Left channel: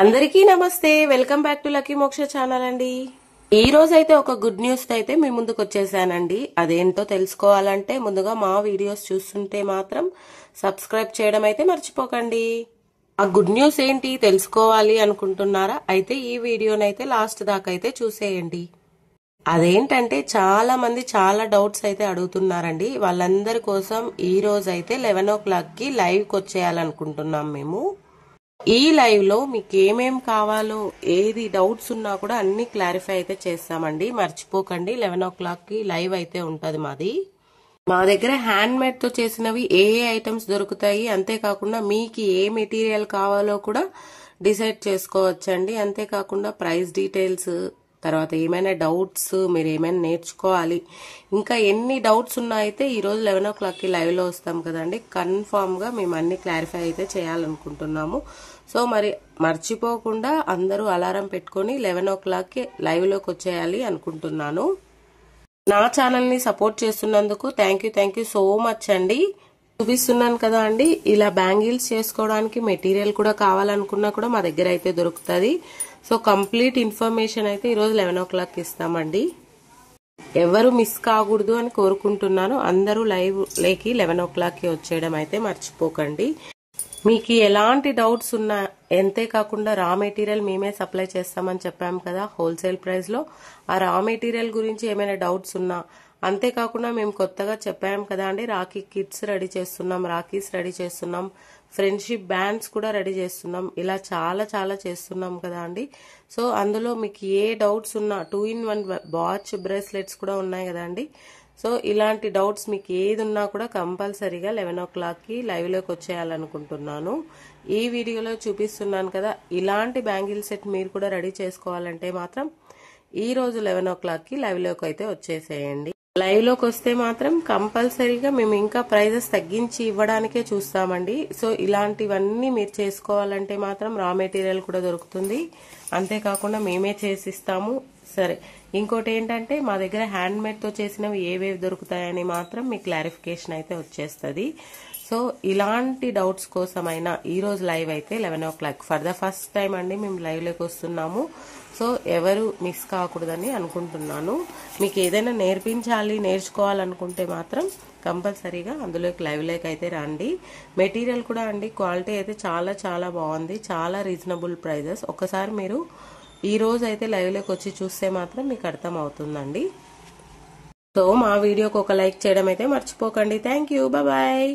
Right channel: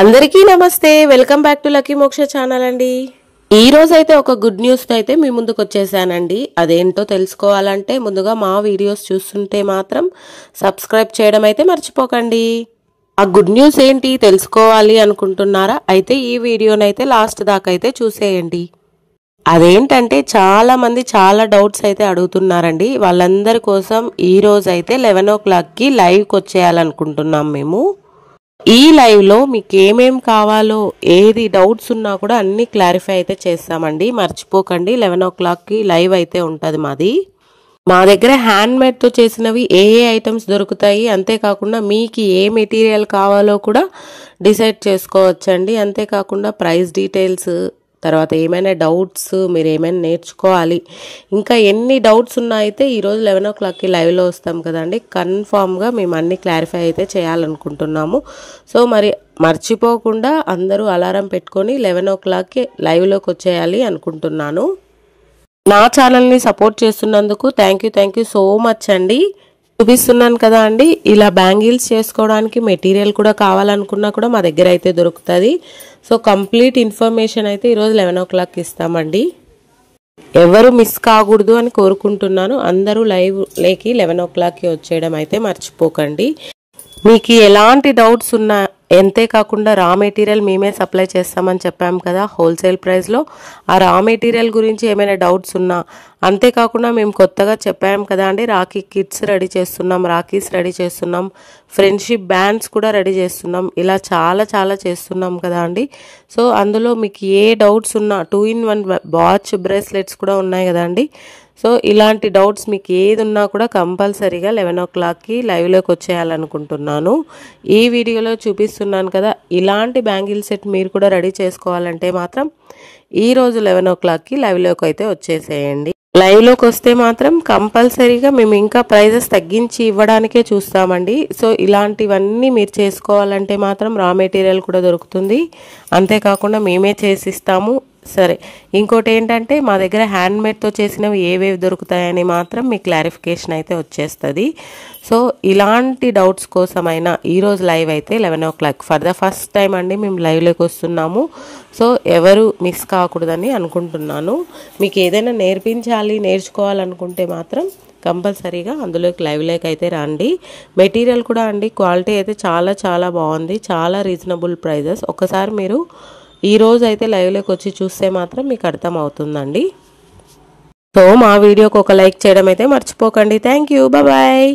అందరికీ నమస్తే, welcome back to lucky మోక్ష ఛానల్ అండి. ఈ రోజు అయితే ఒక గుడ్ న్యూస్ తో అయితే మీ ముందుకు వచ్చేసానండి. అదేంటో తెలుసుకోవాలంటే ముందుగా మా వీడియోస్ చూస్తుంటే మాత్రం సబ్స్క్రైబ్ చేయడం అయితే మర్చిపోకండి. ఆ గుడ్ న్యూస్ ఏంటి తెలుసుకోవాలి అనుకుంటున్నారా? అయితే ఈ వీడియోనైతే లాస్ట్ దాకా అయితే చూసేయండి. అదేంటంటే చాలా మంది చాలా డౌట్స్ అయితే అడుగుతున్నారండి. వాళ్ళందరి కోసం ఈ రోజు అయితే 11 o'clock కి లైవ్కి వచ్చేయాలనుకుంటున్నాం మేము. ఈ లైవ్ లో మీకు ఏమేం కావాలో ఏది డౌట్స్ ఉన్నా కూడా అన్ని క్లారిఫై అయితే చేస్తామండి. మర్చిపోకండి, 11 o'clock కి లైవ్ అయితే ఉంటది మాది. మా దగ్గర హ్యాండ్ మేడ్ తో చేసినవి ఏ ఐటమ్స్ దొరుకుతాయి, అంతేకాకుండా మీకు ఏ మెటీరియల్ కావాలో కూడా డిసైడ్ చేసుకోవచ్చండి. అంతేకాకుండా ప్రైస్ డీటెయిల్స్, తర్వాత ఏమైనా డౌట్స్, మీరు ఏమైనా నేర్చుకోవాలి, ఇంకా ఎన్ని డౌట్స్ ఉన్నా అయితే ఈరోజు 11 o'clock కి లైవ్లో వస్తాం కదండి. కన్ఫామ్గా మేము అన్ని క్లారిఫై అయితే చేయాలనుకుంటున్నాము. సో మరి మర్చిపోకుండా అందరూ అలారం పెట్టుకొని 11 o'clock కి లైవ్లోకి వచ్చేయాలి అనుకుంటున్నాను. నా ఛానల్ని సపోర్ట్ చేస్తున్నందుకు థ్యాంక్ యూ సో మచ్ అండి. చూపిస్తున్నాను కదా అండి, ఇలా బ్యాంగిల్స్ చేసుకోవడానికి మెటీరియల్ కూడా కావాలనుకున్నా కూడా మా దగ్గర అయితే దొరుకుతుంది. సో కంప్లీట్ ఇన్ఫర్మేషన్ అయితే ఈరోజు 11 o'clock కి ఇస్తామండి. ఎవరు మిస్ కాకూడదు అని కోరుకుంటున్నాను. అందరూ లైవ్ లేకి 11 o'clock కి వచ్చేయడం అయితే మర్చిపోకండి. మీకు ఎలాంటి డౌట్స్ ఉన్నా, అంతేకాకుండా రా మెటీరియల్ మేమే సప్లై చేస్తామని చెప్పాం కదా హోల్సేల్ ప్రైస్లో. ఆ రా మెటీరియల్ గురించి ఏమైనా డౌట్స్ ఉన్నా, అంతేకాకుండా మేము కొత్తగా చెప్పాం కదా అండి, రాఖీ కిట్స్ రెడీ చేస్తున్నాం, రాఖీస్ రెడీ చేస్తున్నాం, ఫ్రెండ్షిప్ బ్యాండ్స్ కూడా రెడీ చేస్తున్నాం, ఇలా చాలా చేస్తున్నాం కదా అండి. సో అందులో మీకు ఏ డౌట్స్ ఉన్నా 2-in-1 వాచ్ బ్రేస్లెట్స్ కూడా ఉన్నాయి కదా అండి. సో ఇలాంటి డౌట్స్ మీకు ఏది ఉన్నా కూడా కంపల్సరీగా 11 o'clock కి లైవ్లోకి వచ్చేయాలనుకుంటున్నాను. ఈ వీడియోలో చూపిస్తున్నాను కదా, ఇలాంటి బ్యాంగిల్ సెట్ మీరు కూడా రెడీ చేసుకోవాలంటే మాత్రం ఈరోజు 11 o'clock కి లైవ్లోకి అయితే వచ్చేసేయండి. లైవ్లోకి వస్తే మాత్రం కంపల్సరీగా మేము ఇంకా ప్రైజెస్ తగ్గించి ఇవ్వడానికే చూస్తామండి. సో ఇలాంటివన్నీ మీరు చేసుకోవాలంటే మాత్రం రా మెటీరియల్ కూడా దొరుకుతుంది, అంతేకాకుండా మేమే చేసిస్తాము. సరే, ఇంకోటి ఏంటంటే మా దగ్గర హ్యాండ్ మేడ్తో చేసినవి ఏవేవి దొరుకుతాయని మాత్రం మీ క్లారిఫికేషన్ అయితే వచ్చేస్తుంది. సో ఇలాంటి డౌట్స్ కోసమైనా ఈరోజు లైవ్ అయితే 11 o'clock for the first time అండి మేము లైవ్లోకి వస్తున్నాము. సో ఎవరు మిస్ కాకూడదని అనుకుంటున్నాను. మీకు ఏదైనా నేర్చుకోవాలనుకుంటే మాత్రం కంపల్సరీగా అందులోకి లైవ్లోకి అయితే రండి. మెటీరియల్ కూడా అండి క్వాలిటీ అయితే చాలా బాగుంది, చాలా రీజనబుల్ ప్రైజెస్. ఒకసారి మీరు ఈ రోజు అయితే లైవ్లోకి వచ్చి చూస్తే మాత్రం మీకు అర్థం అవుతుందండి. సో మా వీడియోకి ఒక లైక్ చేయడం అయితే మర్చిపోకండి. Thank you, bye.